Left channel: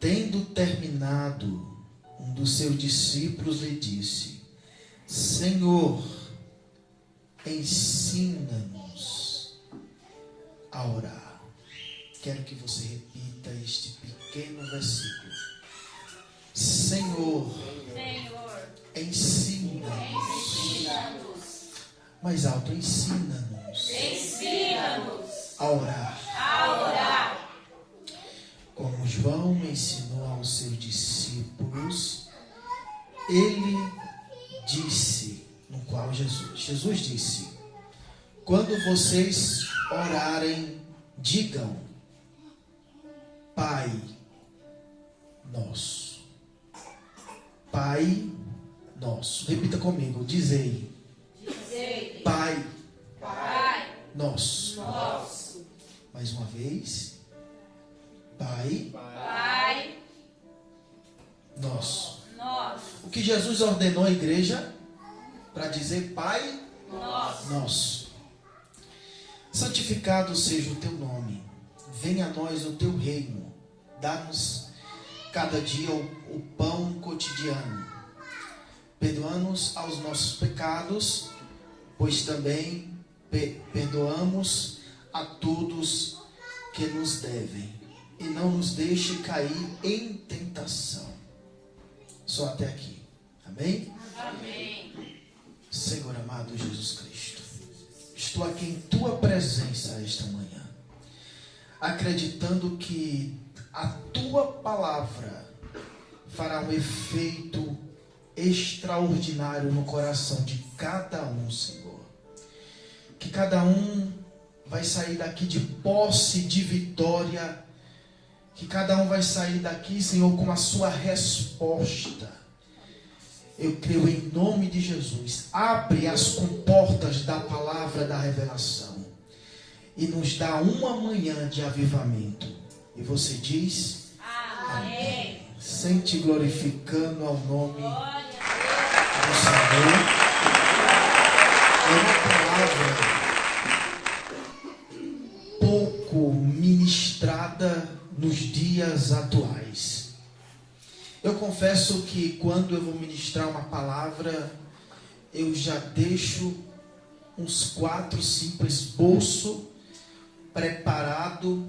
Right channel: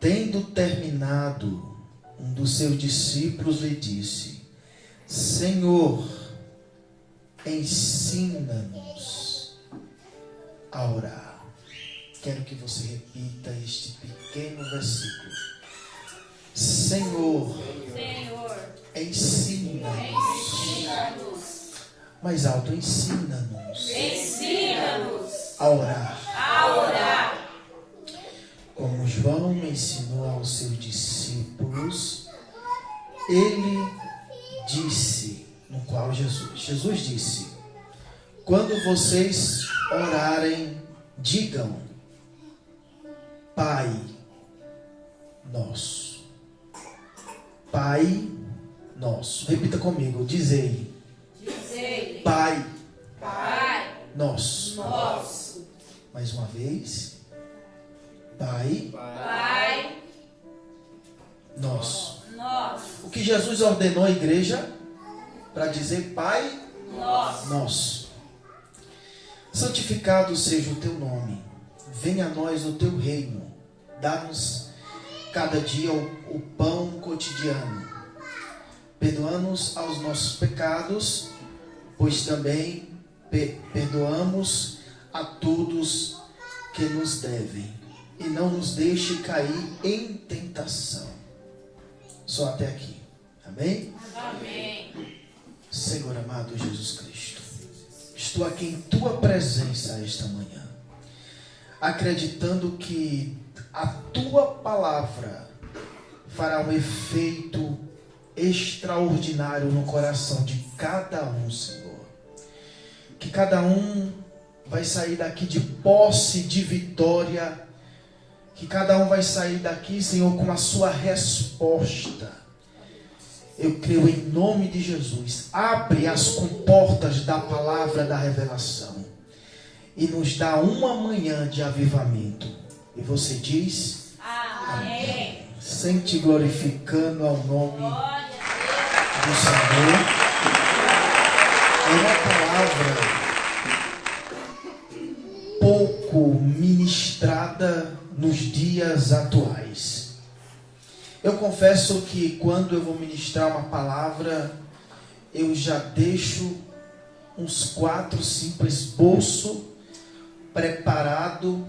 Tendo terminado, um dos seus discípulos lhe disse: Senhor, ensina-nos a orar. Quero que você repita este pequeno versículo. Senhor, ensina-nos. Mais alto, ensina-nos. A orar. Como João ensinou aos seus discípulos, ele disse, no qual Jesus disse: quando vocês orarem, digam: Pai nosso. Pai nosso. Repita comigo, dizei. Pai nosso. Mais uma vez. Pai nosso. O que Jesus ordenou à igreja para dizer Pai nosso. Santificado seja o teu nome. Venha a nós o teu reino. Dá-nos cada dia o pão cotidiano. Perdoa-nos aos nossos pecados, pois também perdoamos a todos que nos devem. E não nos deixe cair em tentação. Só até aqui. Amém? Senhor amado Jesus Cristo, estou aqui em tua presença esta manhã, acreditando que a tua palavra fará um efeito extraordinário no coração de cada um, Senhor. Que cada um vai sair daqui de posse de vitória. Que cada um vai sair daqui, Senhor, com a sua resposta. Eu creio em nome de Jesus. Abre as comportas da palavra da revelação e nos dá uma manhã de avivamento. E você diz: Amém. Sente glorificando ao nome do Senhor. É uma palavra pouco ministrada nos dias atuais. Eu confesso que quando eu vou ministrar uma palavra, eu já deixo uns 4, 5 esboços preparado.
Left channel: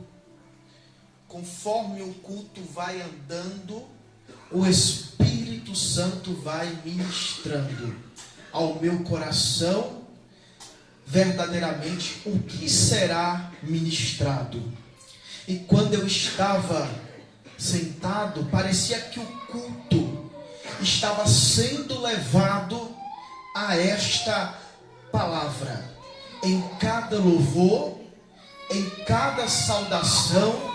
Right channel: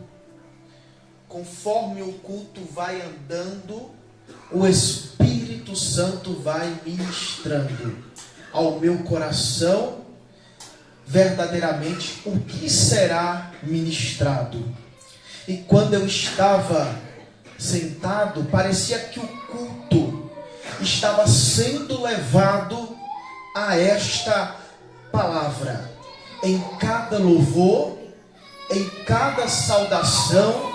Conforme o culto vai andando, o Espírito Santo vai ministrando ao meu coração verdadeiramente o que será ministrado. E quando eu estava sentado, parecia que o culto estava sendo levado a esta palavra. Em cada louvor, em cada saudação,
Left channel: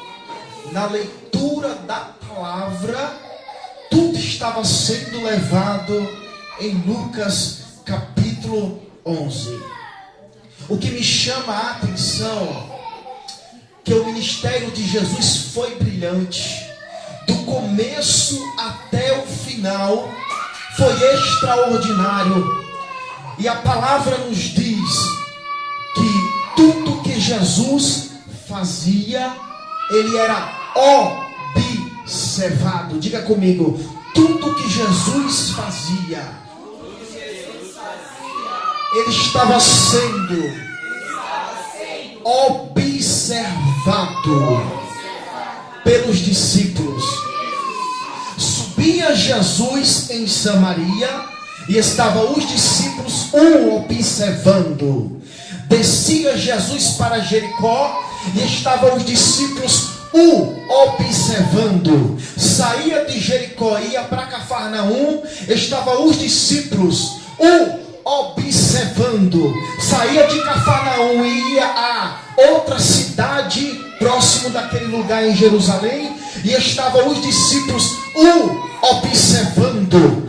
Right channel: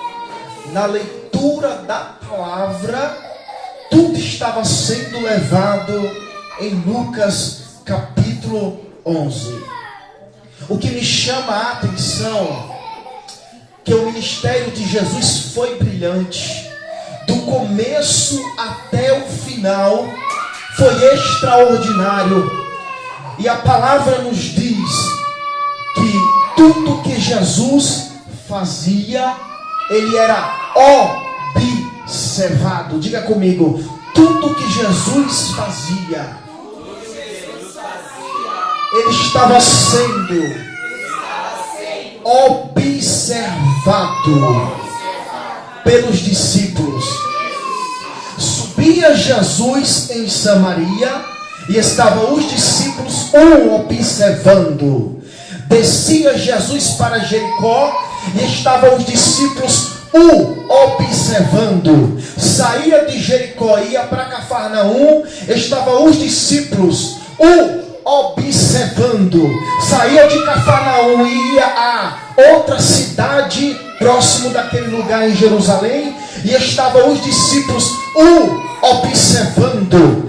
na leitura da palavra, tudo estava sendo levado em Lucas capítulo 11. O que me chama a atenção que o ministério de Jesus foi brilhante, do começo até o final, foi extraordinário. E a palavra nos diz que tudo que Jesus fazia, ele era observado. Diga comigo, tudo que Jesus fazia, ele estava sendo observado pelos discípulos. Subia Jesus em Samaria e estavam os discípulos observando. Descia Jesus para Jericó e estavam os discípulos observando. Saía de Jericó, ia para Cafarnaum, estavam os discípulos observando. Saía de Cafarnaum e ia a outra cidade próximo daquele lugar em Jerusalém, e estavam os discípulos observando.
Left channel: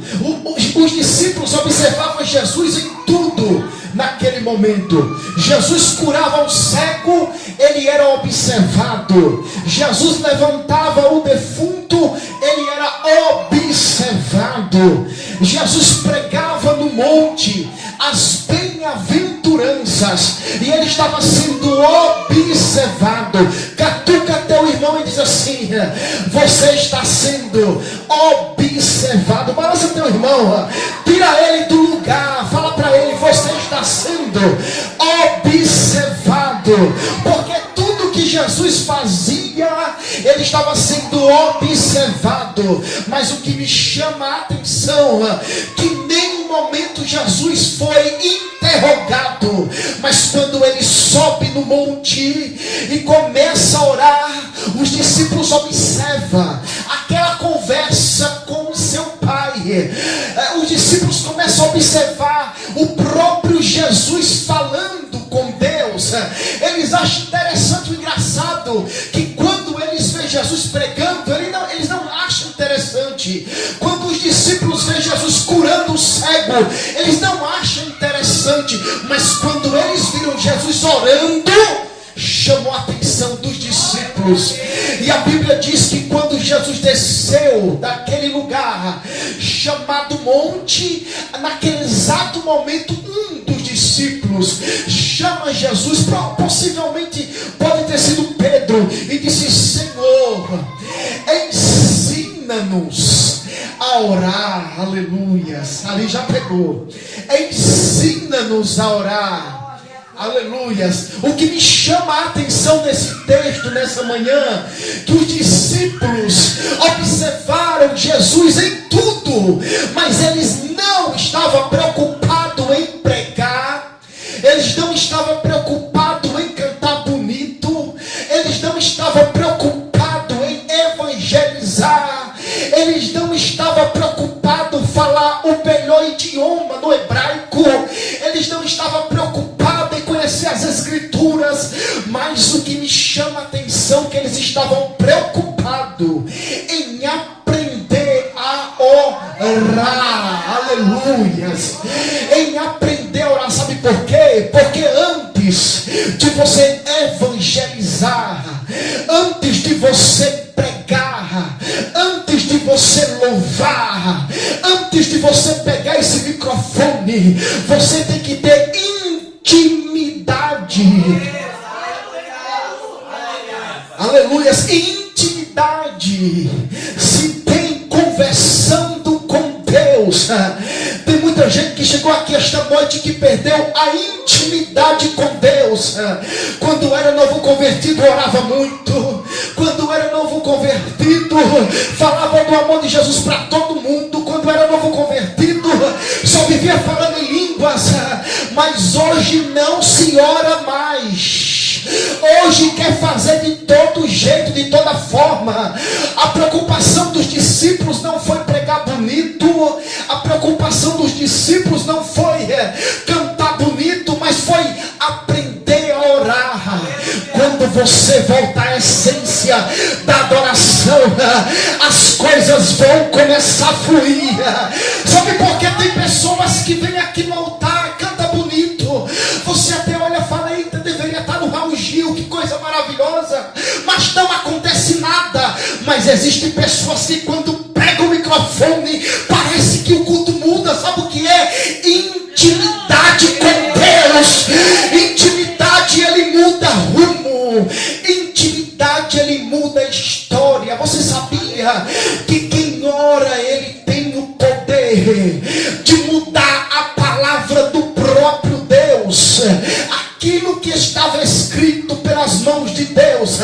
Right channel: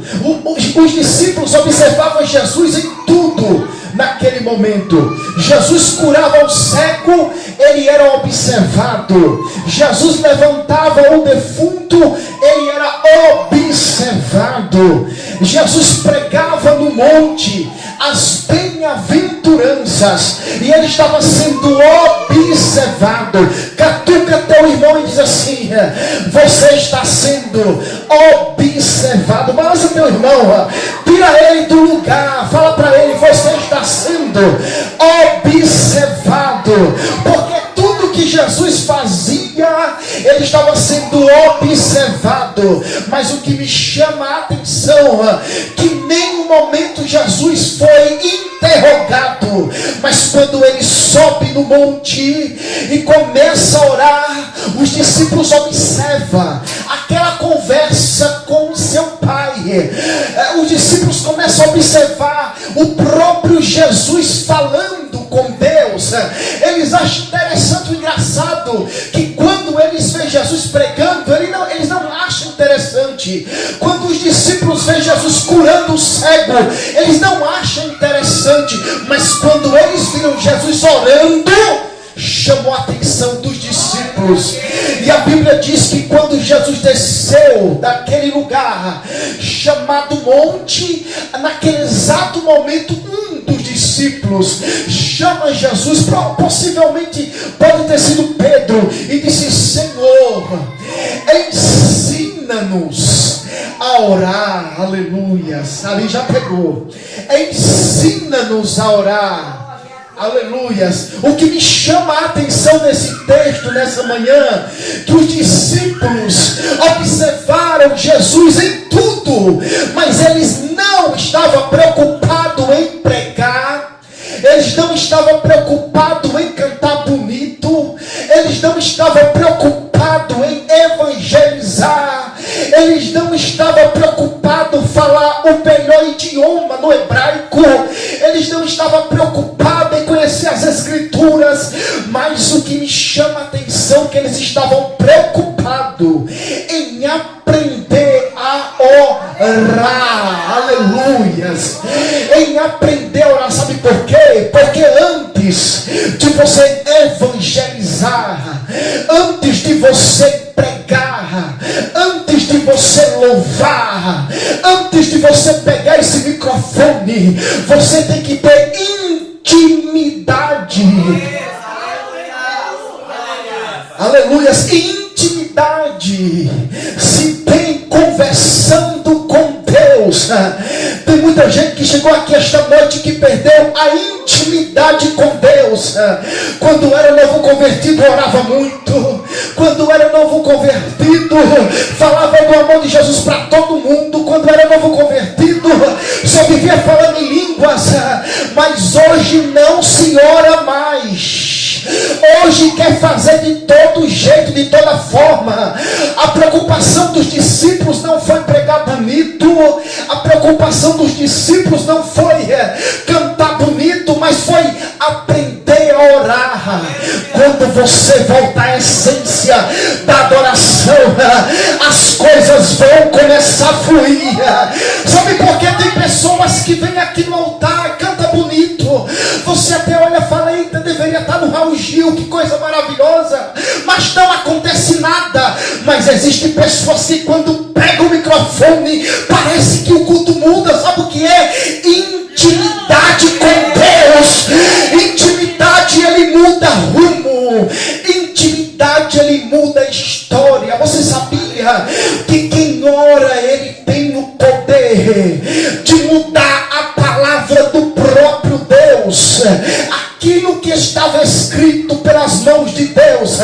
Os discípulos observavam Jesus em tudo. Naquele momento, Jesus curava o cego, ele era observado. Jesus levantava o defunto, ele era observado. Jesus pregava no monte as bem-aventuranças seguranças, e ele estava sendo observado. Catuca teu irmão e diz assim: você está sendo observado. Balança teu irmão, tira ele do lugar, fala para ele: você está sendo observado. Porque tudo que Jesus fazia, ele estava sendo observado. Mas o que me chama a atenção, que em nenhum momento Jesus foi interrogado, mas quando ele sobe no monte e começa a orar, os discípulos observam aquela conversa com o seu pai. Os discípulos começam a observar o próprio Jesus falando com Deus. Eles acham interessante, engraçado, que quando eles veem Jesus pregando, eles não acham interessante. Quando os discípulos veem Jesus curando o cego, eles não acham interessante. Mas quando eles viram Jesus orando, chamou a atenção dos discípulos. E a Bíblia diz que quando Jesus desceu daquele lugar chamado monte, naquele exato momento, um dos discípulos chama Jesus, possivelmente pode ter sido Pedro, e disse: Senhor, ensina-nos a orar. Aleluia. Ali já pegou. Ensina-nos a orar. Aleluias. O que me chama a atenção nesse texto, nessa manhã, que os discípulos observaram Jesus em tudo, mas eles não estavam preocupados em pregar, eles não estavam preocupados em cantar bonito, eles não estavam preocupados em evangelizar, eles não estavam preocupados em falar o melhor idioma no hebraico, eles não estavam preocupados em conhecer as escrituras, mas o que me chama a atenção é que eles estavam preocupados em aprender a orar. Aleluias. Em aprender a orar. Sabe por quê? Porque antes de você evangelizar, antes de você pregar, antes de você louvar, antes de você pegar esse microfone, você tem que ter intimidade. Aleluias. Intimidade se tem conversando com Deus. Tem muita gente que chegou aqui esta noite que perdeu a intimidade com Deus. Quando era novo convertido, orava muito. Quando era novo convertido, falava do amor de Jesus para todo mundo. Quando era novo convertido, só vivia falando em línguas. Mas hoje não se ora mais. Hoje quer fazer de todo jeito, de toda forma. A preocupação dos discípulos não foi pregar bonito, a preocupação dos discípulos não foi cantar bonito, mas foi aprender a orar. Quando você voltar à essência da adoração, as coisas vão começar a fluir. Sabe por que tem pessoas que vêm aqui no altar, canta bonito, você até olha e fala: eita, deveria estar no Raul Gil, que coisa maravilhosa, mas não acontece nada. Mas existem pessoas que quando pegam o microfone, parece que o culto muda. Sabe o que é? Intimidade com Deus. Intimidade, ele muda rumo. Intimidade, ele muda história. Você sabia que quem ora, ele tem o poder de mudar a palavra do próprio Deus? Aquilo que estava escrito pelas mãos de Deus,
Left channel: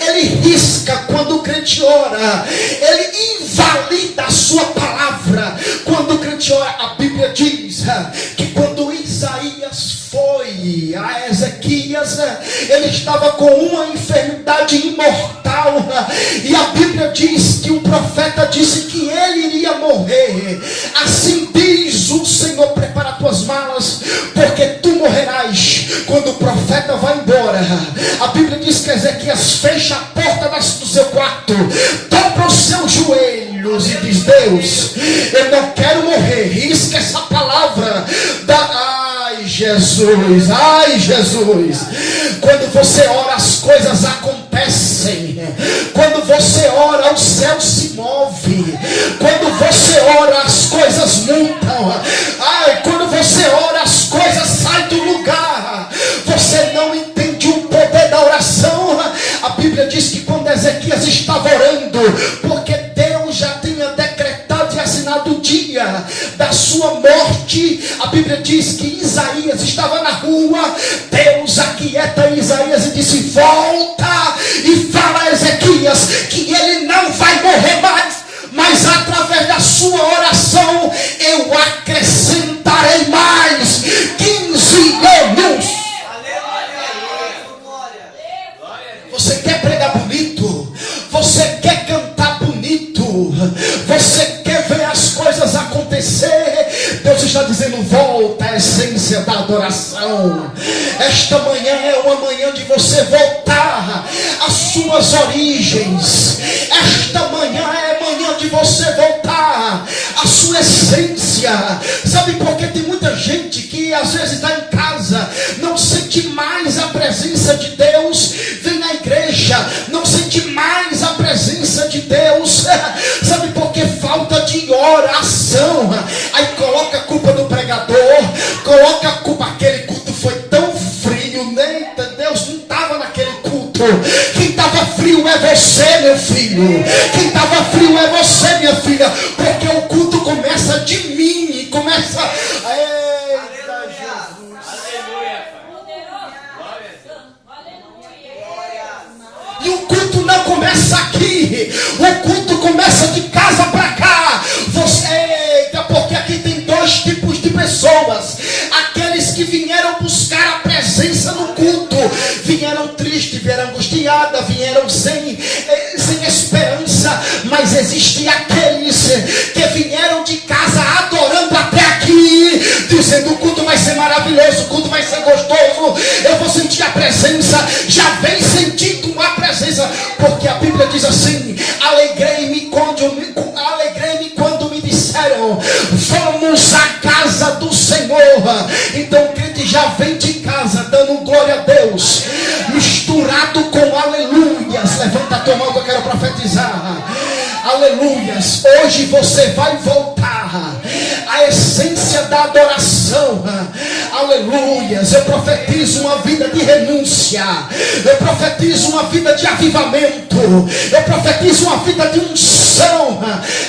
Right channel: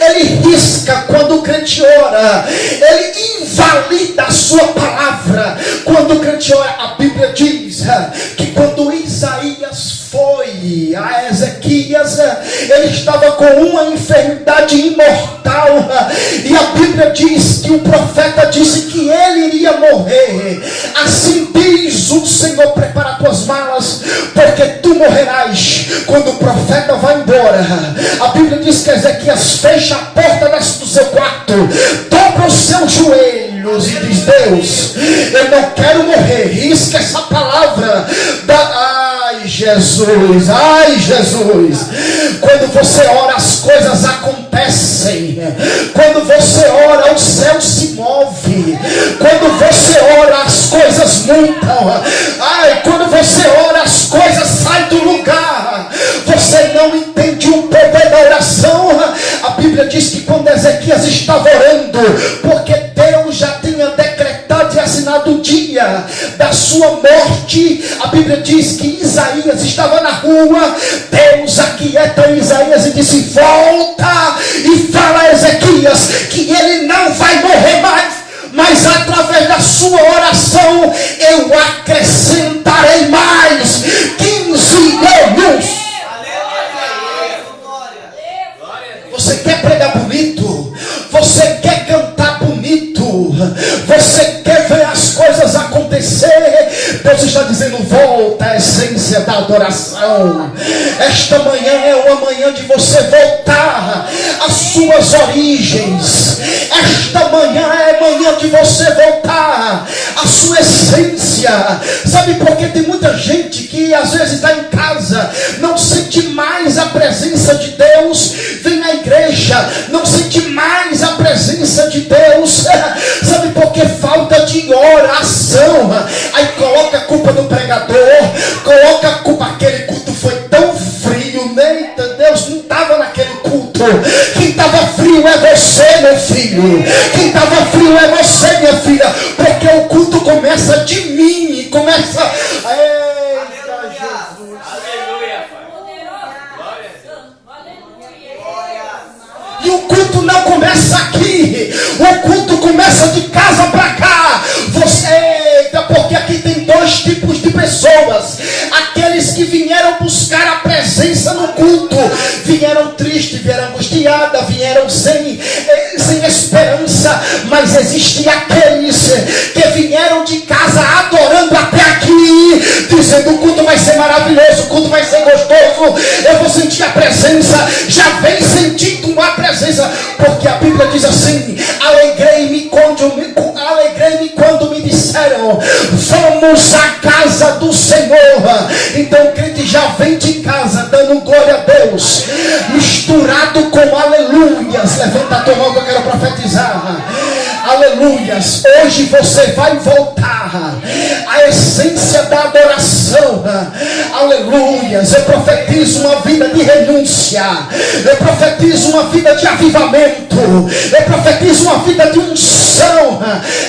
ele risca quando o crente ora, ele invalida a sua palavra quando o crente ora. A Bíblia diz que quando Isaías foi a Ezequias, ele estava com uma enfermidade imortal, e a Bíblia diz que o profeta disse que ele iria morrer. Assim diz o Senhor: prepara tuas malas, porque tu morrerás. Quando o profeta vai embora, a Bíblia diz que Ezequias fecha a porta do seu quarto, dobra os seus joelhos e diz: Deus, eu não quero morrer. Risca essa palavra Ai Jesus, ai Jesus. Quando você ora, as coisas acontecem. Quando você ora, o céu se move. Quando você ora, as coisas mudam. Ai, quando você ora, as coisas saem do lugar. quando? Porque Deus já tinha decretado e assinado o dia da sua morte. A Bíblia diz que Isaías estava na rua, Deus aquieta Isaías e disse: volta e fala a Ezequias que ele não vai morrer mais, mas através da sua oração eu acrescentarei mais 15 anos. Você quer pregar bonito? Você quer cantar bonito? Você quer ver as coisas acontecer? Deus está dizendo: volta à essência da adoração. Esta manhã é uma manhã de você voltar às suas origens. Esta manhã é manhã de você voltar à sua essência. Sabe por que tem muita gente que às vezes está em casa, não sente mais a presença de Deus, vem à igreja, não sente mais a presença de Deus? Sabe por que? Falta de oração. Aí coloca a culpa do pregador, coloca a culpa, aquele culto foi tão frio, né? Deus não estava naquele culto. Quem estava frio é você, meu filho. Quem estava frio é você, minha filha. Porque o culto começa de mim, começa. Eita, Jesus. E o culto não começa aqui, o culto começa de casa para cá. Porque aqui tem dois tipos de pessoas: aqueles que vieram buscar a presença no culto, vieram tristes, vieram angustiadas, vieram sem esperança. Mas existem aqueles que vieram de casa adorando até aqui, dizendo: o culto vai ser maravilhoso, o culto vai ser gostoso, eu vou sentir a presença. Já vem sentindo a presença, porque a Bíblia diz assim: alegrei-me quando me disseram, vamos à casa do Senhor. Então o crente já vem de casa dando glória a Deus, misturado com aleluias. Levanta a tua mão que eu quero profetizar. Aleluias. Hoje você vai voltar à essência da adoração. Aleluias. Eu profetizo uma vida de renúncia, eu profetizo uma vida de avivamento, eu profetizo uma vida de unção.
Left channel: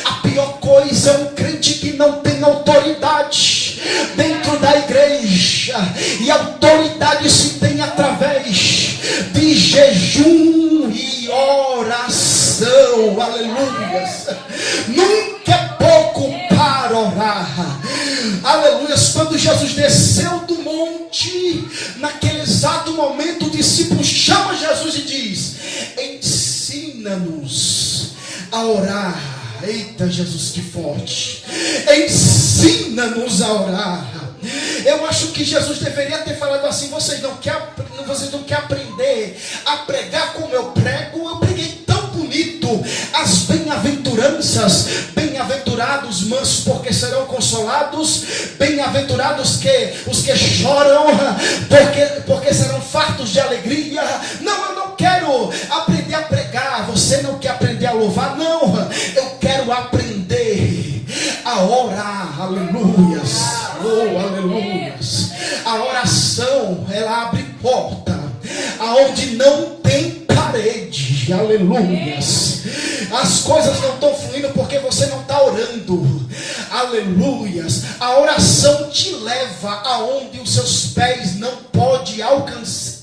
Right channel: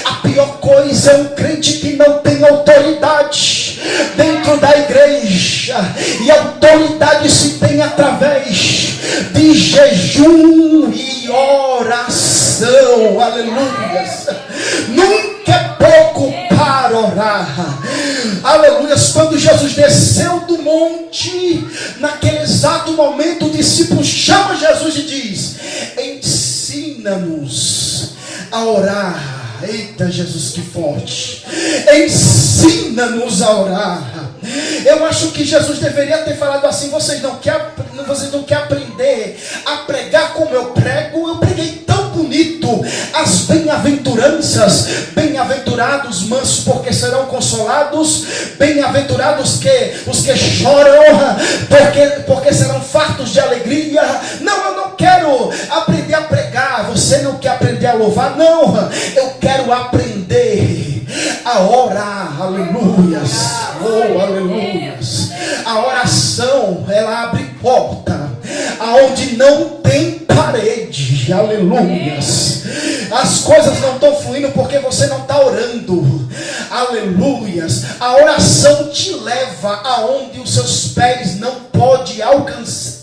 A pior coisa é um crente que não tem autoridade dentro da igreja, e a autoridade se tem através de jejum e oração. Aleluias. Nunca é pouco para orar. Aleluias. Quando Jesus desceu do monte, naquele exato momento, o discípulo chama Jesus e diz: ensina-nos a orar. Eita, Jesus, que forte. Ensina-nos a orar. Eu acho que Jesus deveria ter falado assim: vocês não querem aprender a pregar como eu prego? Eu preguei tão bonito as bem-aventuranças. Bem-aventurados mansos, porque serão consolados. Bem-aventurados os que choram, porque serão fartos de alegria. Não, eu não quero aprender a pregar. Você não quer aprender a louvar? Não, eu quero aprender a orar. Aleluias. Oh, aleluias. A oração, ela abre porta aonde não tem parede. Aleluias. As coisas não estão fluindo porque você não está orando. Aleluias. A oração te leva aonde os seus pés não podem alcançar.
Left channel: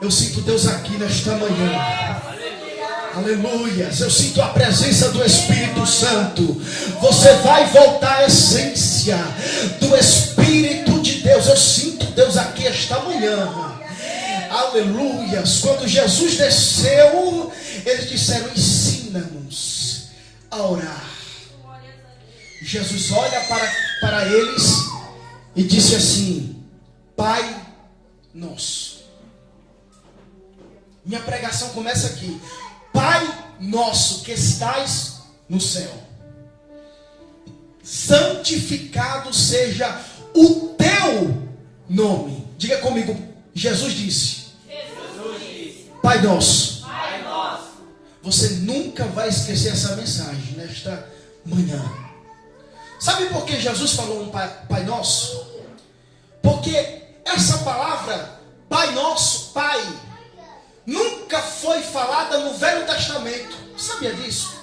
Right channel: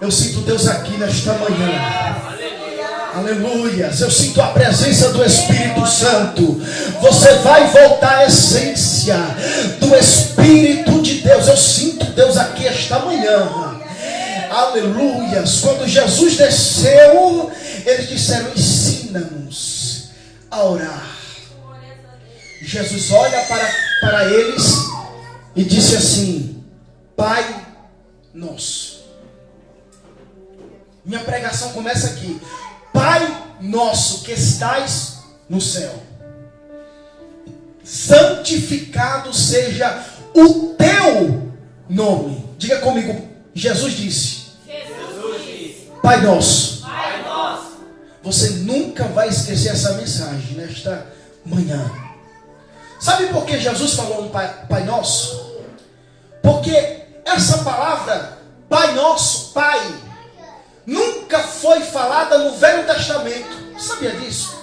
Eu sinto Deus aqui nesta manhã. Aleluias. Eu sinto a presença do Espírito Santo. Você vai voltar à essência do Espírito de Deus. Eu sinto Deus aqui esta manhã. Aleluias. Quando Jesus desceu, eles disseram: ensina-nos a orar. Jesus olha para eles e disse assim: Pai nosso. Minha pregação começa aqui. Pai nosso que estais no céu, santificado seja o teu nome. Diga comigo. Jesus disse. Pai nosso. Pai nosso. Você nunca vai esquecer essa mensagem nesta manhã. Sabe por que Jesus falou um Pai nosso? Porque essa palavra Pai nosso, Pai, nunca foi falada no Velho Testamento. Sabia disso?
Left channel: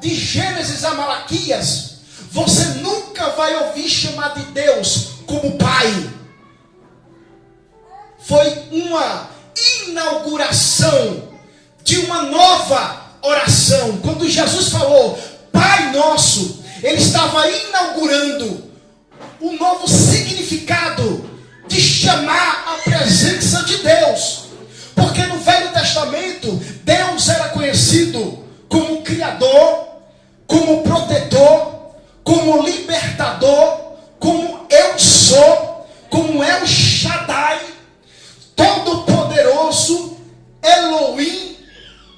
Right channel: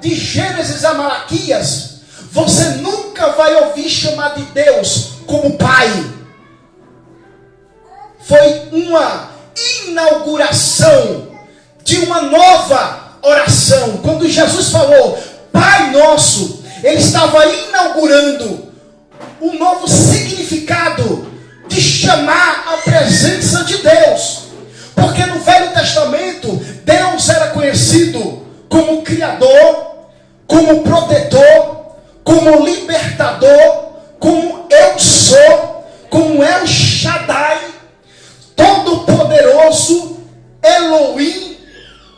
De Gênesis a Malaquias, você nunca vai ouvir chamar de Deus como Pai. Foi uma inauguração de uma nova oração. Quando Jesus falou Pai Nosso, Ele estava inaugurando um novo significado de chamar a presença de Deus. Porque no Velho Testamento, Deus era conhecido como Criador, como Protetor, como Libertador, como Eu Sou, como El Shaddai, Todo-Poderoso, Elohim,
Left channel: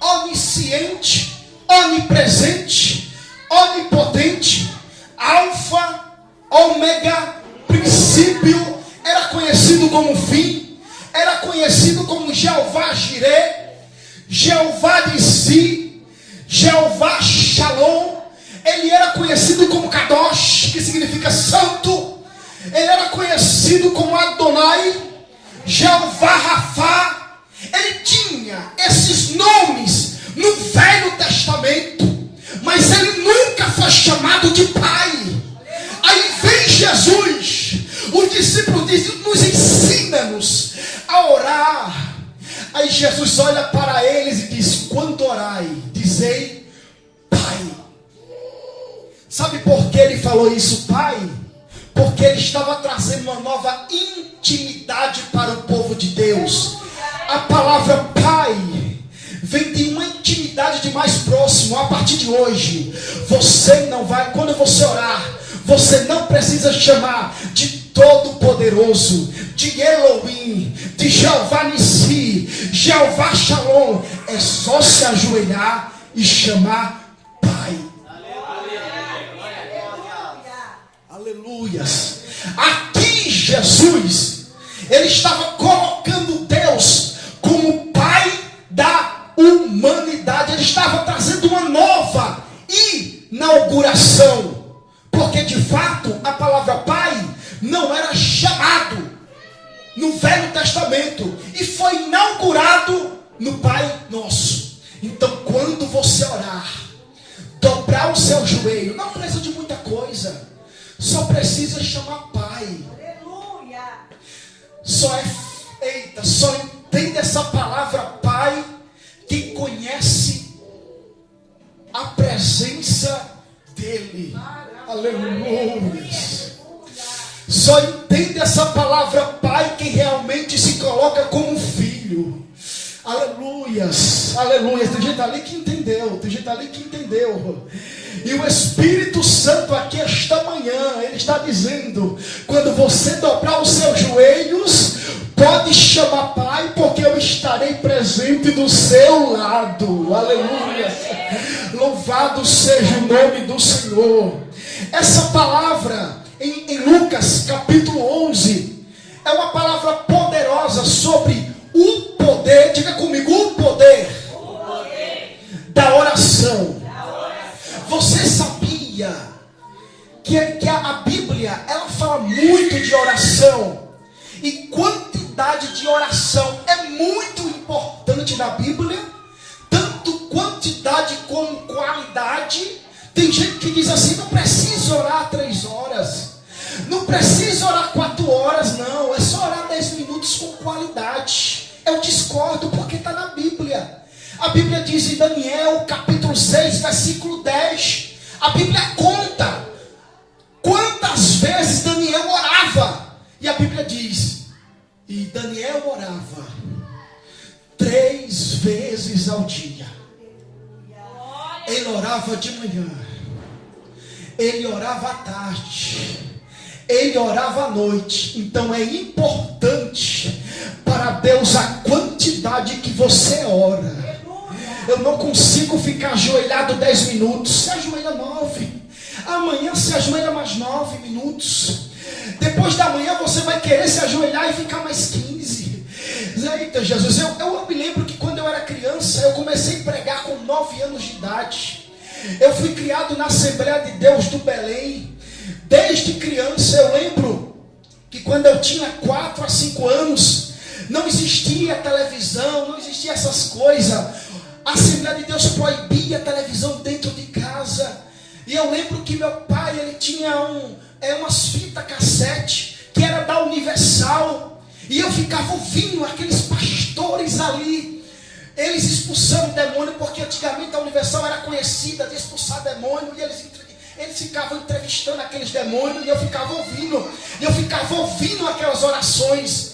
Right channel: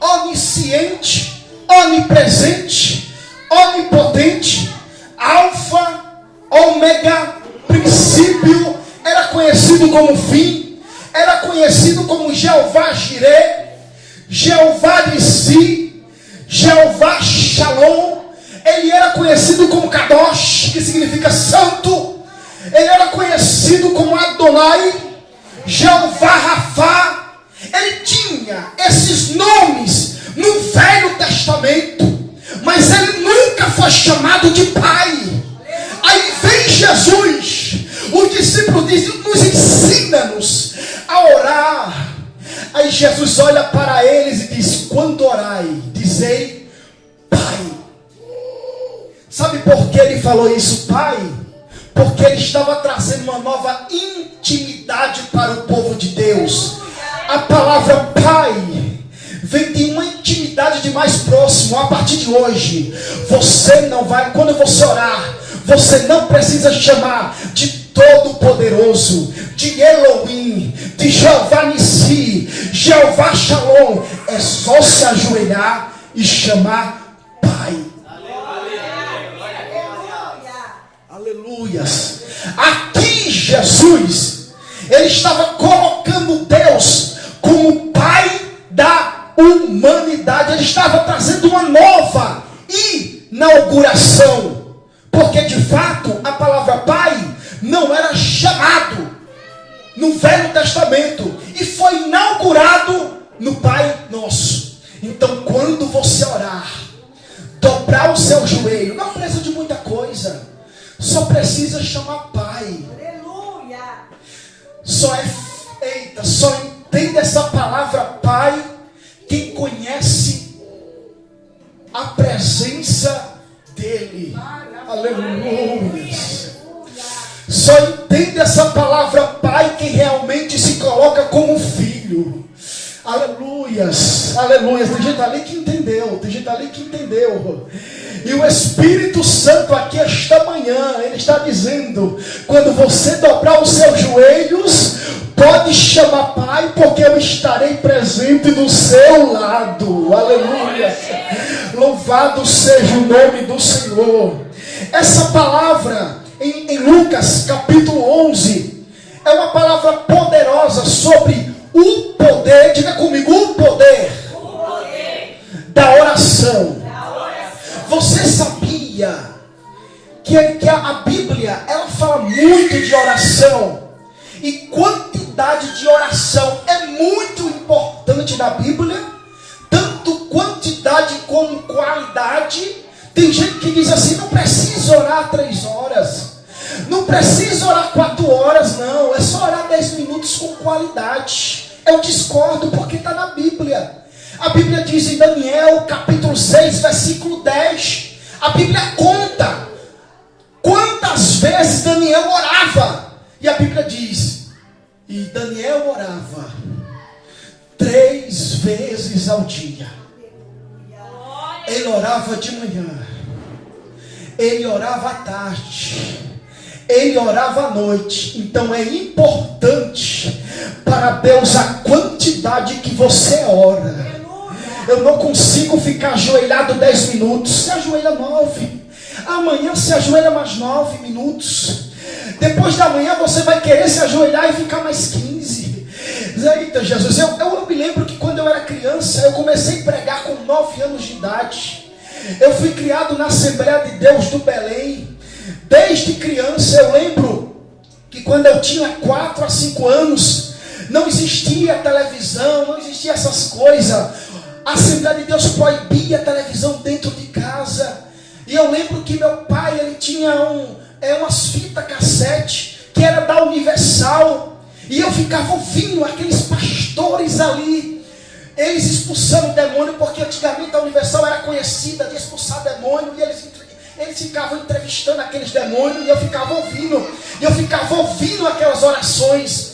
Onisciente, Onipresente, Onipotente, Alfa, Ômega, Princípio. Era conhecido como Fim, era conhecido como Jeová Jireh, Jeová Nissi, Jeová Shalom. Ele era conhecido como Kadosh, que significa santo. Ele era conhecido como Adonai, Jeová Rafá. Ele tinha esses nomes no Velho Testamento, mas ele nunca foi chamado de Pai. Aí vem Jesus, os discípulos dizem: nos ensina-nos a orar. Aí Jesus olha para eles e diz: quando orai, dizei Pai. Sabe por que ele falou isso, Pai? Porque ele estava trazendo uma nova intimidade para o povo de Deus. A palavra Pai vem de uma intimidade de mais próximo. A partir de hoje, você não vai, quando você orar, você não precisa chamar de Todo-Poderoso, de Elohim, de Jeová Nissi, Jeová Shalom. É só se ajoelhar e chamar Pai. Aleluias. Aqui Jesus, ele estava colocando Deus como Pai da humanidade. Ele estava trazendo uma nova inauguração. Porque de fato a palavra Pai não era chamado no Velho Testamento e foi inaugurado no Pai Nosso. Então quando você orar, dobrar o seu joelho, não precisa de muita coisa, só precisa chamar Pai. Aleluia. Só entende essa palavra Pai quem conhece a presença dele. Aleluia. Só entende essa palavra Pai quem realmente se coloca como filho. Aleluias, aleluias. Tem gente ali que entendeu, tem gente ali que entendeu. E o Espírito Santo aqui esta manhã, ele está dizendo: quando você dobrar os seus joelhos, pode chamar Pai, porque eu estarei presente do seu lado. Aleluia. Louvado seja o nome do Senhor. Essa palavra em Lucas capítulo 11 é uma palavra poderosa sobre o poder. Diga comigo: o poder da oração. Você sabia que a Bíblia ela fala muito de oração? E quantidade de oração é muito importante na Bíblia, tanto quantidade como qualidade. Tem gente que diz assim: não precisa orar 3 horas, não precisa orar 4 horas, não, é só orar 10 minutos com qualidade. Eu discordo, porque está na Bíblia. A Bíblia diz em Daniel capítulo 6 versículo 10, a Bíblia conta quantas vezes Daniel orava, e a Bíblia diz: e Daniel orava 3 vezes ao dia. Ele orava de manhã, ele orava à tarde, ele orava à noite. Então é importante para Deus a quantidade que você ora. Eu não consigo ficar ajoelhado 10 minutos. Se ajoelha 9. Amanhã se ajoelha mais 9 minutos. Depois da manhã você vai querer se ajoelhar e ficar mais 15. Eita Jesus, eu me lembro que quando eu era criança, eu comecei a pregar com 9 anos de idade. Eu fui criado na Assembleia de Deus do Belém. Desde criança eu lembro que quando eu tinha 4 a 5 anos, não existia televisão, não existia essas coisas. A Assembleia de Deus proibia a televisão dentro de casa. E eu lembro que meu pai, ele tinha umas fitas cassete, que era da Universal. E eu ficava ouvindo aqueles pastores ali, eles expulsando demônio, porque antigamente a Universal era conhecida de expulsar demônio, e eles ficavam entrevistando aqueles demônios, e eu ficava ouvindo aquelas orações.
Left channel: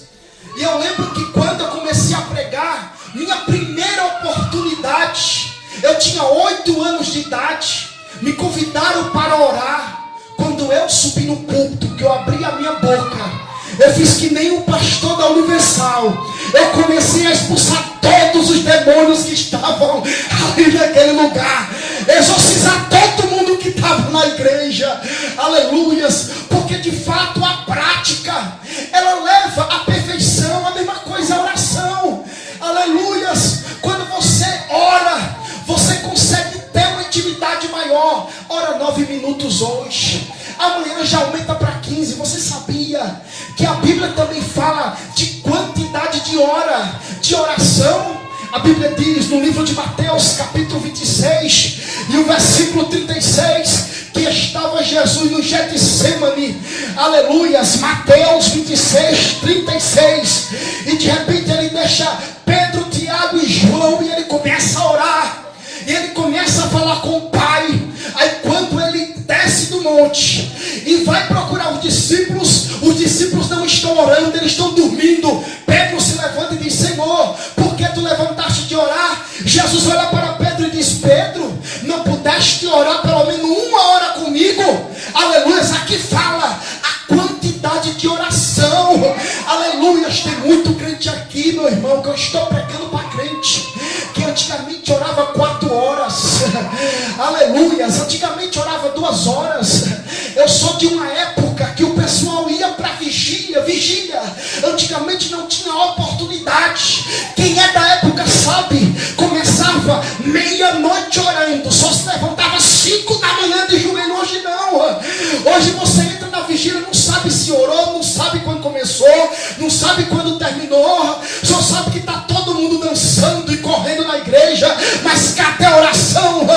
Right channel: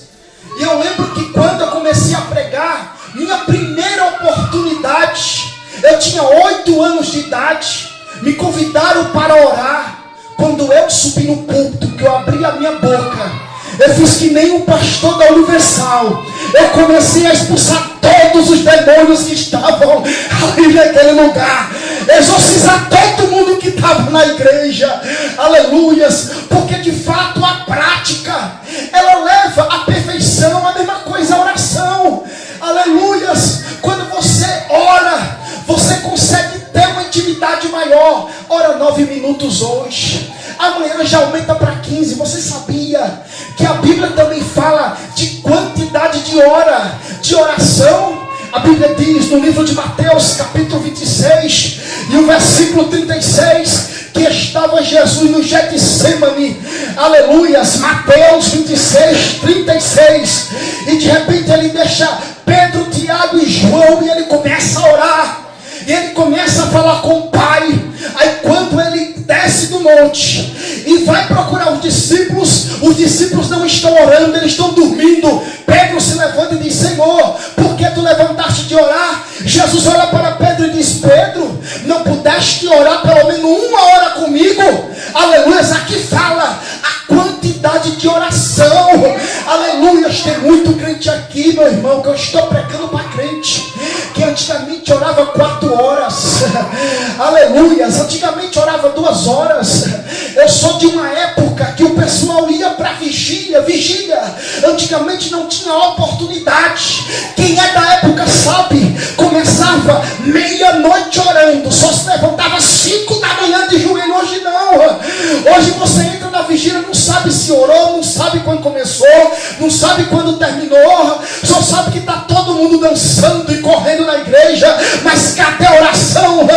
E eu lembro que quando eu comecei a pregar, minha primeira oportunidade, eu tinha 8 anos de idade, me convidaram para orar. Quando eu subi no púlpito, que eu abri a minha boca, eu fiz que nem um pastor da Universal. Eu comecei a expulsar todos os demônios que estavam ali naquele lugar, exorcizar todo mundo que estava na igreja. Aleluias. Porque de fato a prática, ela leva à perfeição. A mesma coisa a oração. Aleluias. Quando você ora, você consegue ter uma intimidade maior. Ora 9 minutos hoje, amanhã já aumenta para 15. Você sabia que a Bíblia também fala de quantidade de hora de oração? A Bíblia diz no livro de Mateus, capítulo 26, e o versículo 36, que estava Jesus no Getsemane. Aleluias. Mateus 26, 36. E de repente ele deixa Pedro, Tiago e João, e ele começa a orar. E ele começa a falar com o Pai. Aí quando ele desce do monte e vai procurar os discípulos não estão orando, eles estão dormindo. Pedro se levanta e diz: Senhor, por que tu levantaste de orar? Jesus olha para Pedro e diz: Pedro, não pudeste orar pelo menos 1 hora comigo? Aleluia. Aqui fala a quantidade de oração. Aleluia. Tem muito crente aqui, meu irmão, que eu estou pregando para crente que antigamente orava 4 horas. Aleluia. Antigamente orava 2 horas. Eu sou de uma época que o pessoal ia para vigília. Antigamente não tinha oportunidade. Quem é da época sabe, começava meia-noite orando, só se levantava 5 da manhã de joelho. Hoje não. Hoje você entra na vigília, não sabe se orou, não sabe quando começou, não sabe quando terminou, só sabe que está todo mundo dançando e correndo na igreja, mas cadê a oração?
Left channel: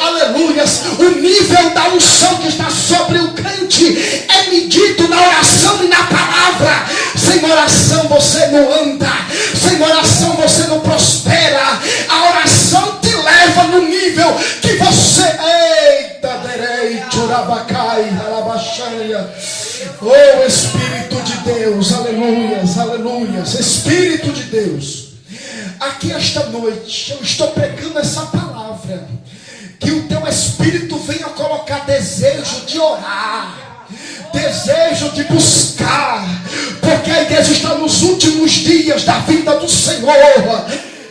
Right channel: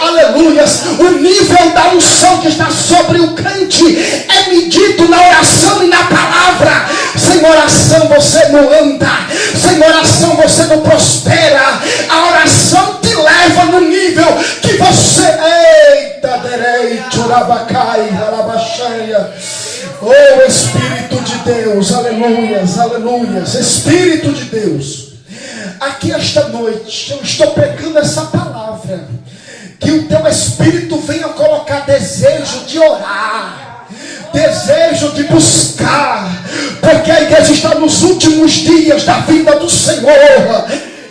Aleluia. O nível da unção que está sobre o crente é medido na oração e na palavra. Sem oração você não anda, sem oração você não prospera. A oração te leva no nível que você... Eita, direito, rabacai, alabaxaia. Oh, Espírito de Deus, aleluias, aleluias. Espírito de Deus, aqui esta noite eu estou pregando essa palavra, que o teu Espírito venha colocar desejo de orar, desejo de buscar, porque a igreja está nos últimos dias da vida do Senhor,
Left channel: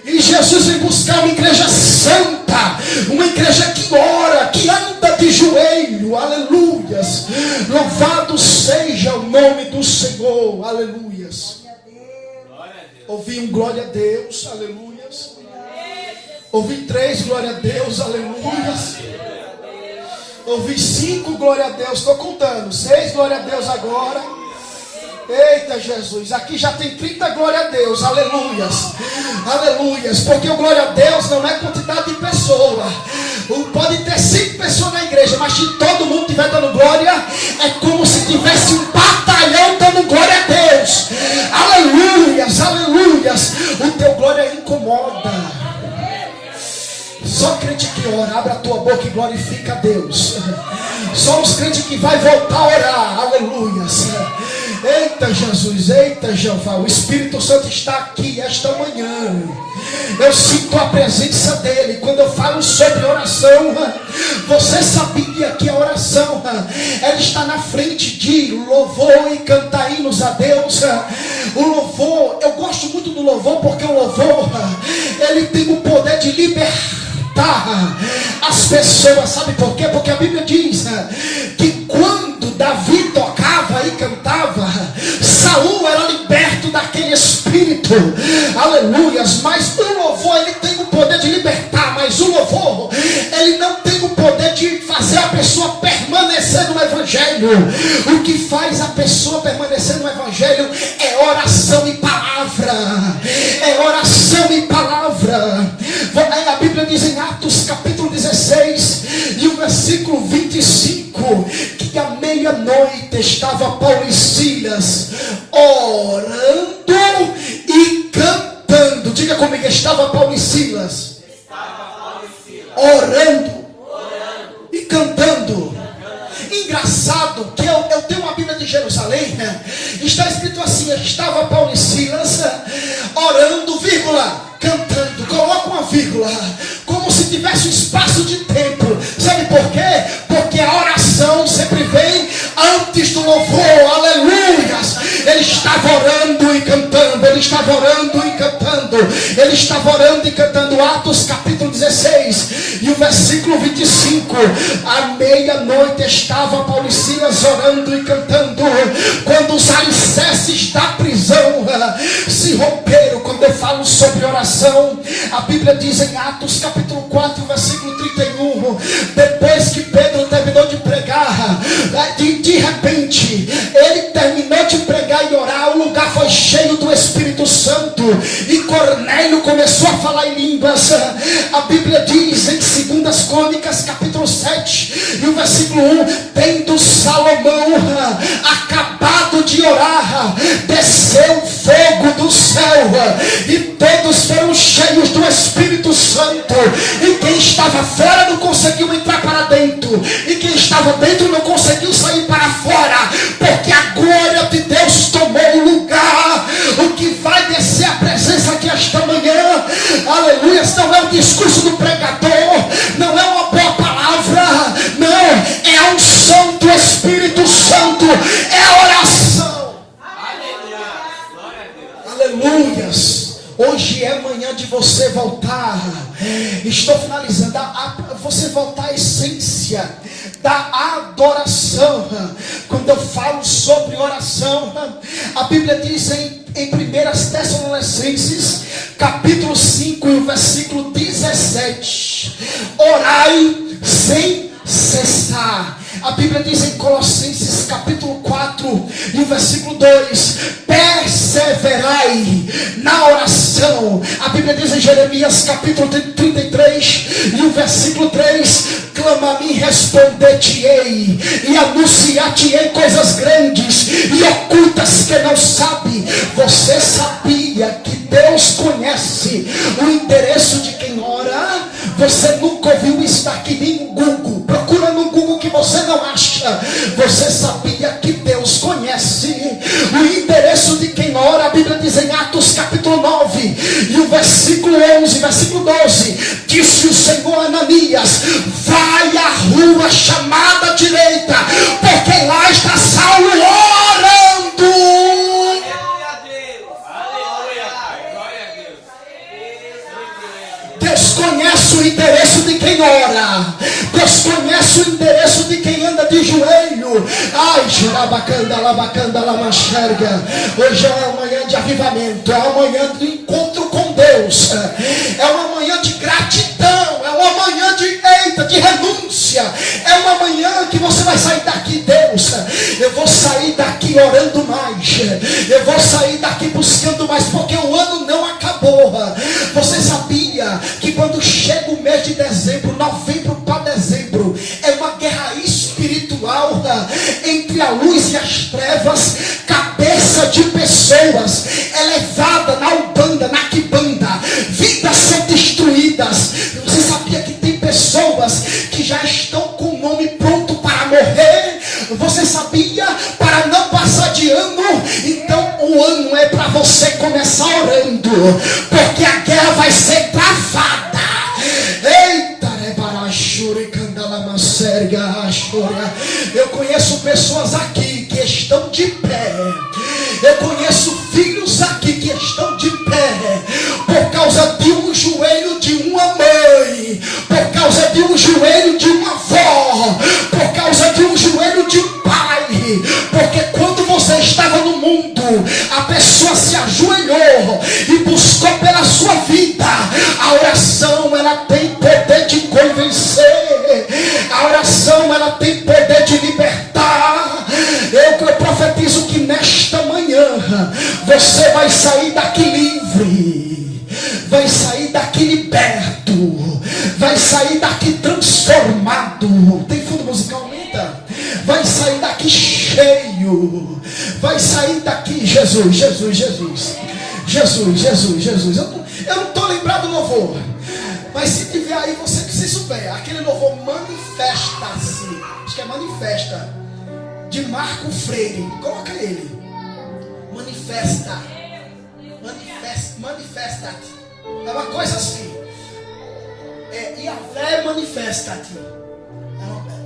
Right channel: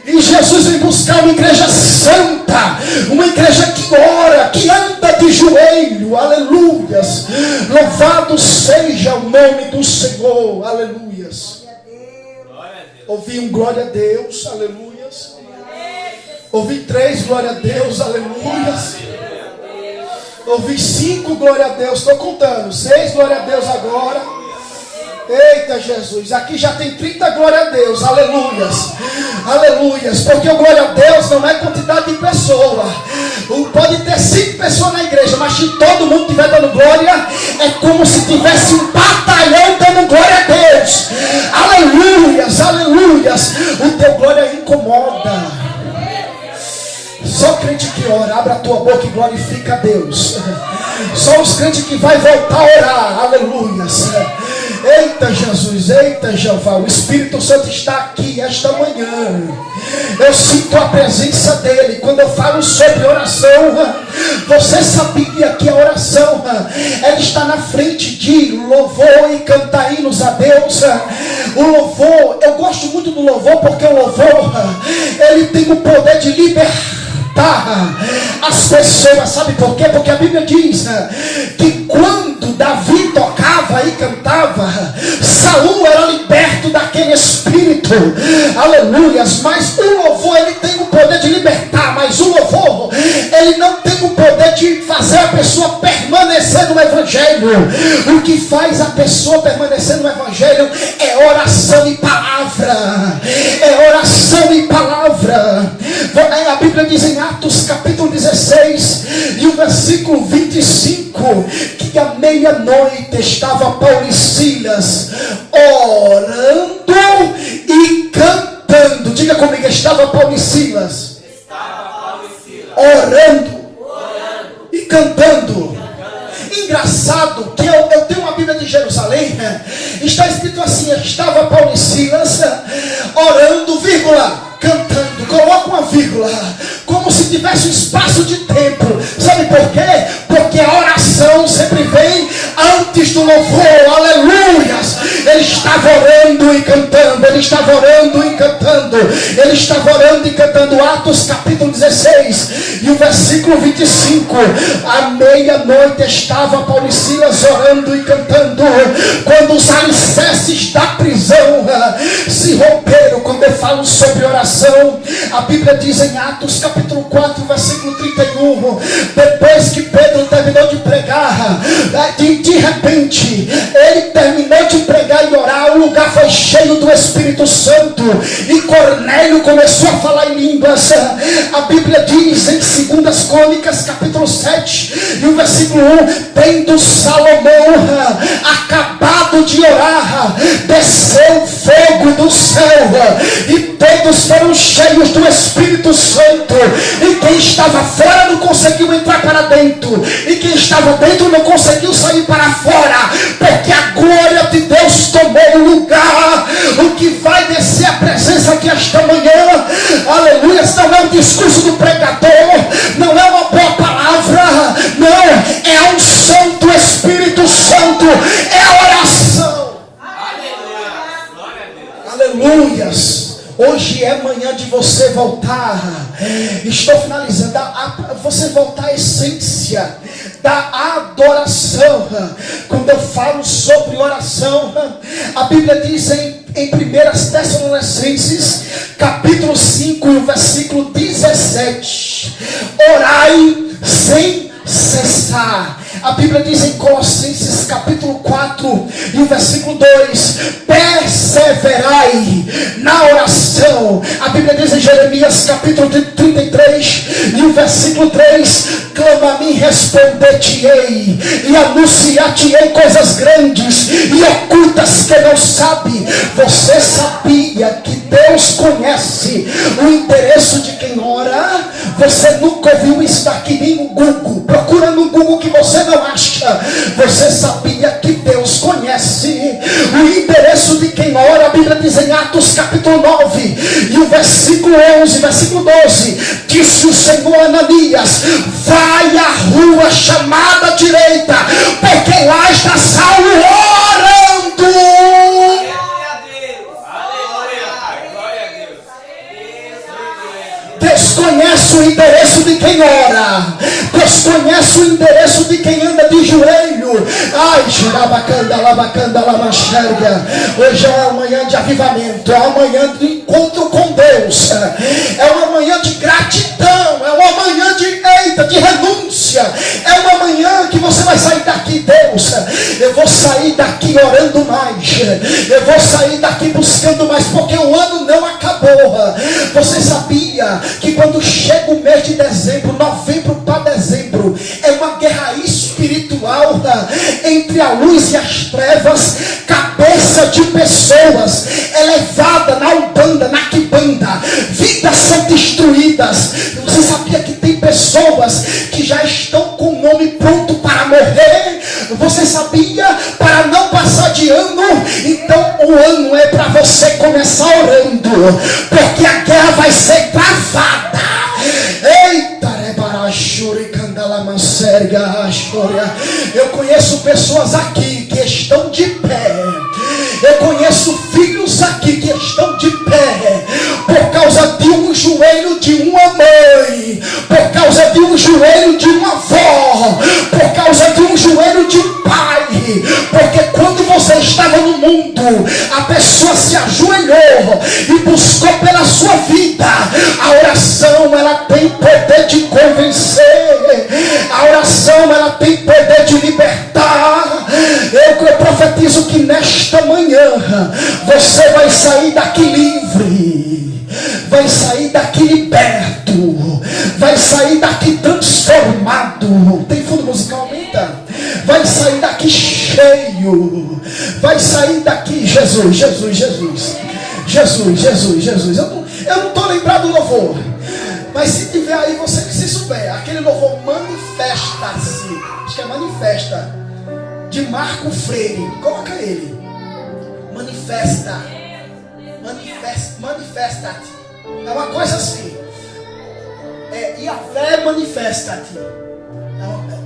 e Jesus vem buscar uma igreja santa, uma igreja que ora, que anda de joelho. Aleluias. Louvado seja o nome do Senhor. Aleluias. Ouvi um glória a Deus. Aleluias. Ouvi 3 glória a Deus. Aleluias. Ouvi 5 glória a Deus. Estou contando. 6 glória a Deus agora. Eita Jesus, aqui já tem 30 glória a Deus, aleluias, aleluias, porque o glória a Deus não é quantidade de pessoa. Pode ter 5 pessoas na igreja, mas se todo mundo estiver dando glória, é como se tivesse um batalhão dando glória a Deus. Aleluias, aleluias. O teu glória incomoda. Só crente que ora, abre a tua boca e glorifica a Deus. Só os crentes que vai voltar a orar, aleluias. Eita Jesus, eita Jeová, o Espírito Santo está aqui esta manhã. Eu sinto a presença dele. Quando eu falo sobre oração, você sabia que a oração, ela está na frente de louvor e cantar hinos a Deus. O louvor, eu gosto muito do louvor, porque o louvor, ele tem o poder de libertar as pessoas. Sabe por quê? Porque a Bíblia diz que quando Davi tocava e cantava, Saul era liberto daquele espírito. Aleluias. Mas o louvor, ele tem o poder de libertar, mas o louvor, ele não tem o poder de fazer a pessoa permanecer no Evangelho. O que faz a pessoa permanecer no Evangelho é oração e palavra. palavra. É oração e palavra. A Bíblia diz em Atos capítulo 16 e o versículo 25 que à meia-noite estava Paulo e Silas orando e cantando. Diga comigo, estava Paulo e Silas orando e cantando. Engraçado que eu tenho uma Bíblia de Jerusalém, está escrito assim: estava Paulo e Silas orando, vírgula, cantando. Coloca uma vírgula, como se tivesse um espaço de tempo. Sabe por quê? Porque a oração sempre vem antes do louvor. Aleluias! Ele estava orando e cantando. Ele estava orando e cantando. Ele estava orando e cantando. Atos capítulo 16 e o versículo 25. À meia-noite estava Paulo e Silas orando e cantando. Quando os alicerces da prisão se romperam. Quando eu falo sobre oração, a Bíblia diz em Atos capítulo 4 versículo 31, depois que Pedro terminou de pregar, de repente ele terminou de pregar e orar, o lugar foi cheio do Espírito Santo e Cornélio começou a falar em línguas. A Bíblia diz em 2 Crônicas capítulo 7 e o versículo 1, tendo Salomão acabado de orar, desceu fogo do céu e todos foram cheios do Espírito Santo, e quem estava fora não conseguiu entrar para dentro, e quem estava dentro não conseguiu sair para fora, porque a glória de Deus tomou o lugar. O que vai descer a presença aqui esta manhã, aleluia, não é o discurso do pregador, não é uma boa palavra, não, é a unção do Espírito Santo, é a oração. Aleluias. Hoje é manhã de você voltar. Estou finalizando. Você voltar à essência da adoração. Quando eu falo sobre oração, a Bíblia diz em 1 Tessalonicenses capítulo 5, versículo 17: orai sem cessar. A Bíblia diz em Colossenses capítulo 4 e o versículo 2: perseverai na oração. A Bíblia diz em Jeremias capítulo 33 e o versículo 3: clama a mim, responder-te-ei e anunciar-te-ei coisas grandes e ocultas que não sabe. Você sabia que Deus conhece o endereço de quem ora? Você nunca ouviu isso daqui nem no Google. Procura no Google que você não acha. Você sabia que Deus conhece o endereço de quem ora? A Bíblia diz em Atos capítulo 9 e o versículo 11, versículo 12: disse o Senhor a Ananias: vai à rua chamada direita, porque lá está Saulo orando. Deus conhece o endereço de quem ora. Deus conhece o endereço de quem anda de joelho. Ai, xurabacanda, labacanda, lamaxerga. Hoje é uma manhã de avivamento, é uma manhã de encontro com Deus, é uma manhã de gratidão, é uma manhã de renúncia, é uma manhã que você vai sair daqui: Deus, eu vou sair daqui orando mais, eu vou sair daqui buscando mais, porque o ano não acabou. Você sabia que quando chega o mês de dezembro, novembro para dezembro, é uma guerra espiritual entre a luz e as trevas? Cabeça de pessoas elevada na Umbanda, na Quimbanda, vidas são destruídas. Você sabia que tem pessoas que já estão com o nome pronto para morrer? Você sabia? Para não passar de ano. Então o ano é para você começar orando, porque a guerra vai ser travada. Eita, eu conheço pessoas aqui que estão de pé. Eu conheço filhos aqui que estão de pé por causa de um joelho de uma mãe, por causa de um joelho de uma avó, por causa de um joelho de um pai. Porque quando você estava no mundo, a pessoa se ajoelhou e buscou pela sua vida. A oração, ela tem poder de convencer. A oração, ela tem poder de libertar. Eu profetizo que nesta manhã Você vai sair daqui livre, vai sair daqui liberto, vai sair daqui transformado. Tem fundo musical, aumenta. Vai sair daqui cheio, vai sair daqui, Jesus, Jesus, Jesus, Jesus, Jesus, Jesus. Eu não estou lembrado do louvor, mas se tiver aí, você que se souber, aquele louvor manifesta-se, acho que é manifesta, de Marco Freire, coloca ele, manifesta, manifesta-te, é uma coisa assim, e a fé manifesta-te,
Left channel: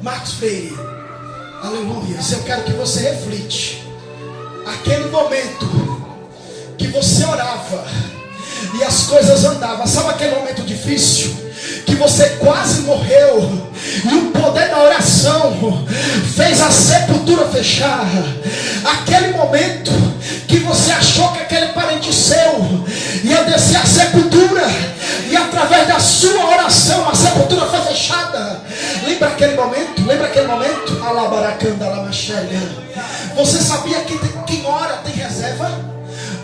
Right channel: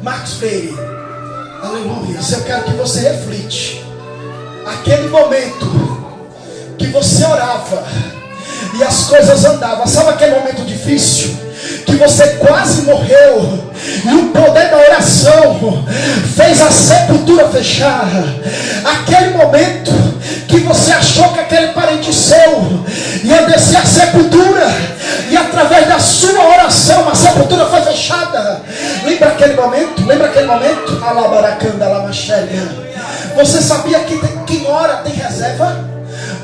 Marcos Freire, aleluia. Eu quero que você reflite, aquele momento que você orava, e as coisas andavam, sabe aquele momento difícil, que você quase morreu, e o poder da oração fez a sepultura fechar, aquele momento que você achou que aquele parente seu ia descer a sepultura, e através da sua oração a sepultura foi fechada. Lembra aquele momento? Lembra aquele momento? Alabaracanda, alamaxéria. Você sabia que quem ora tem reserva?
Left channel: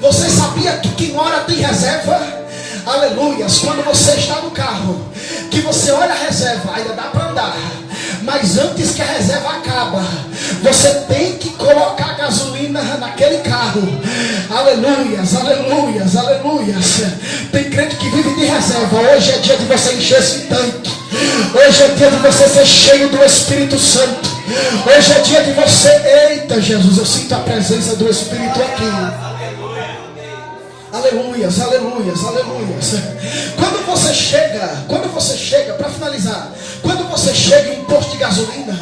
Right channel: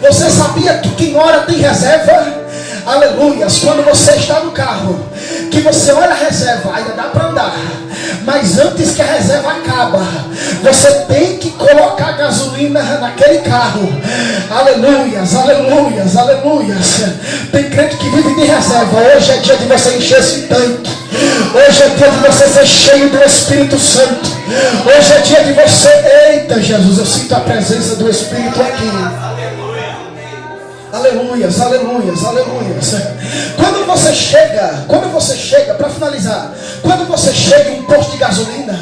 Você sabia que quem ora tem reserva? Aleluias. Quando você está no carro, que você olha a reserva, ainda dá para andar, mas antes que a reserva acaba, você tem que colocar gasolina naquele carro. Aleluias, aleluias, aleluias. Tem crente que vive de reserva. Hoje é dia de você encher esse tanque. Hoje é dia de você ser cheio do Espírito Santo. Hoje é dia de você, eita Jesus, eu sinto a presença do Espírito aqui. Aleluias, aleluias, aleluias. Quando você chega, para finalizar, quando você chega em um posto de gasolina,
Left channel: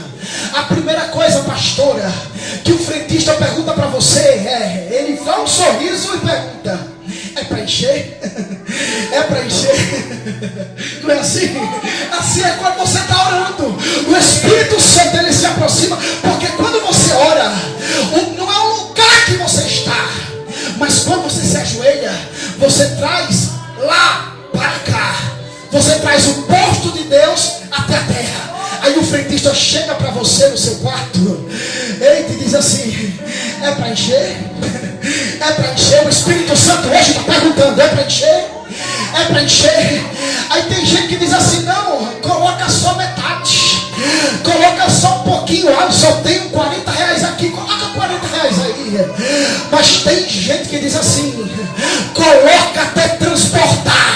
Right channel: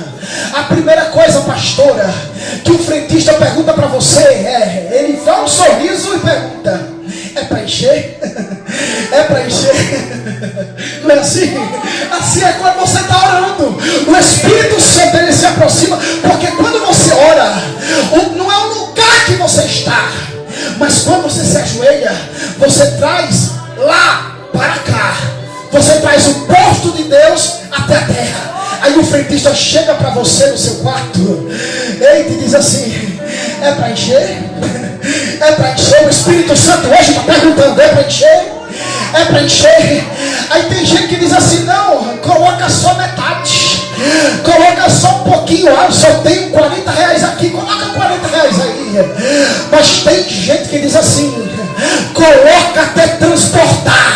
a primeira coisa, pastora, que o frentista pergunta para você ele dá um sorriso e pergunta: é para encher? É para encher? Não é assim? Assim é quando você está orando. O Espírito Santo, ele se aproxima, porque quando você ora, não é o lugar que você está, mas quando você se ajoelha, você traz lá para cá, você traz o posto de Deus até a terra. Aí o frentista chega para você no seu quarto, e diz assim: é para encher? É para encher? O Espírito Santo hoje está perguntando: é para encher? É para encher? Aí tem gente que diz assim: não, coloca só metade, coloca só um pouquinho. Eu só tenho 40 reais aqui, coloca 40 reais aí. Mas tem gente que diz assim: coloca até transportar.